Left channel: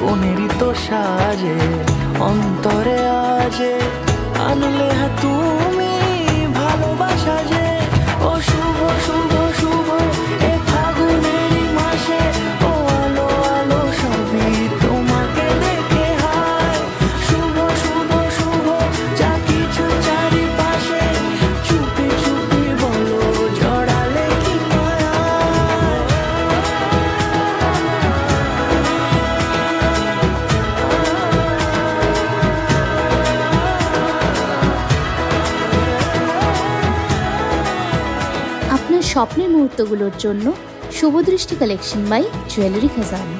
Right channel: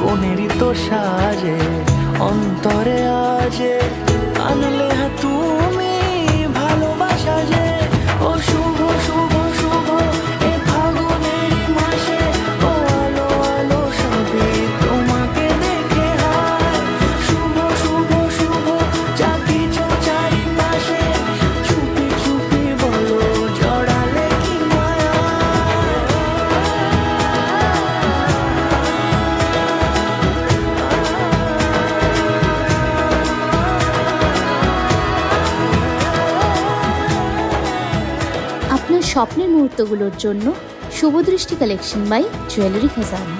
কোনেরই তো সাজে অন্তরে আজে আনলে হ্যাঁ তুমি ভালোবাসা যে। ও শুভ শুভ শুভ এ ফাগুনেরই মাসে, ও আলো আলো সবই তোমাকে দেখে হায়। শুভ শুভ শুভ যা কিছু চারিপাশে, চুপি চুপি বলো জড়ালে কি মায়া। আপনার স্বপ্নের মুহূর্তগুলোর জন্য শুভদৃষ্টি কালেকশন বাই জুয়েলারি খাজানা।